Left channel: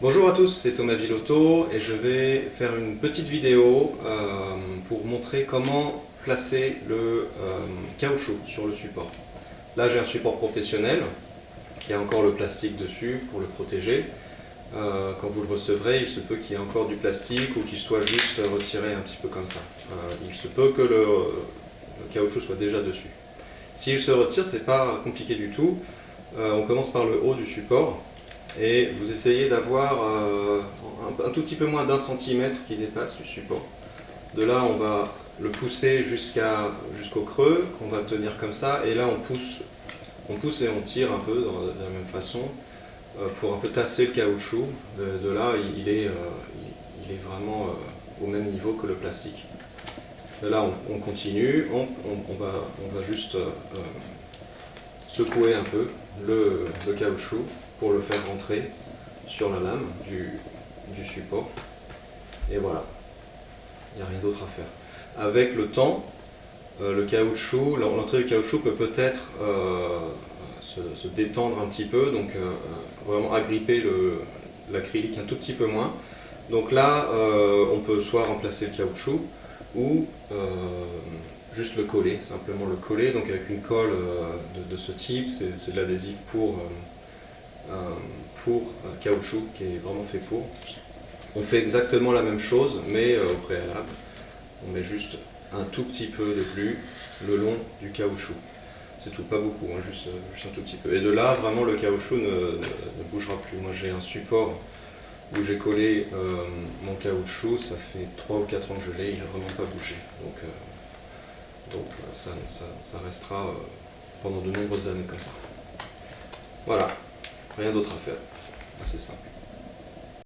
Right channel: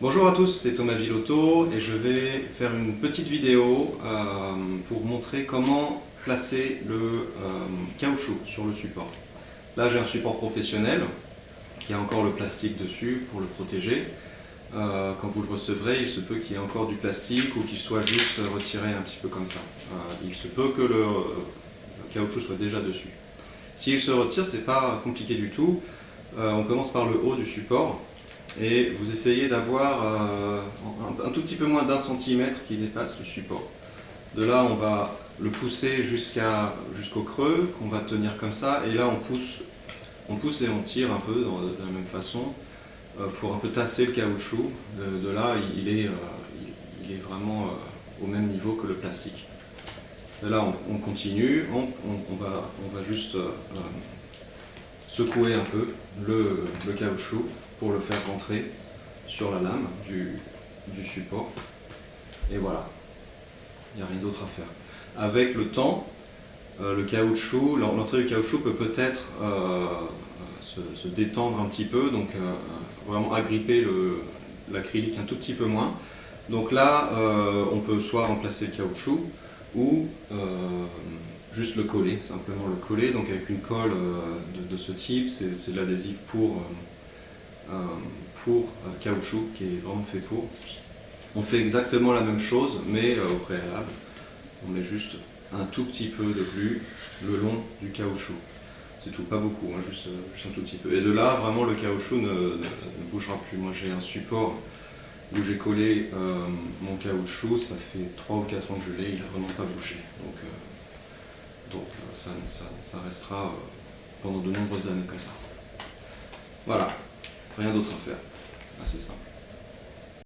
Bonjour à tous, c'est Thomas Villotto et je vais faire une petite vidéo pour montrer comment placer le caoutchouc sur le support. Là j'ai un support professionnel qui a encore le plastique dessus pour le protéger. Quand vous le recevrez, il se peut qu'il y ait encore du plastique ou qu'il soit juste retiré un petit peu comme ça. Il se peut que le caoutchouc soit déjà dessus. S'il se retire, c'est pas compliqué du tout. On commence par le haut du support. Et vous essayez d'avoir un tout petit peu moins d'1 centimètre qui dépasse le support. De là, on va le pousser jusqu'au creux, qu'on va tenir comme ça, et là on pousse et on tire un peu de la même façon pour un peu tasser le caoutchouc. De là, il est vraiment au même niveau que le plastique. De là, on continue, on va juste secouer un peu le caoutchouc pour le faire rentrer sur la lame du support. Et voilà, il n'y a rien d'autre à faire. Avec le temps, le caoutchouc, l'entrée du caoutchouc peut peut-être se détendre un petit peu, donc vraiment agripper l'acrylique un tout petit peu moins. Donc là, on peut soit remplacer le caoutchouc ou juste le coller, simplement le coller. Donc avec une colle de ce type, c'est de l'adhésif pour caoutchouc qui est vraiment fait pour. On fait exactement la même chose mais au préalable. On met juste un tout petit peu de glu le long du caoutchouc. C'est tout, pas beaucoup, hein, juste un tout petit peu. Et de là, vraiment, le caoutchouc ne bougera plus. Moi, j'ai un support où j'ai collé mon caoutchouc, ça fait 3 ou 4 ans que je l'ai, il n'a vraiment pas bougé. Donc ça restera pendant de nombreuses années comme ça. Voilà, rien d'autre à faire, assez simple.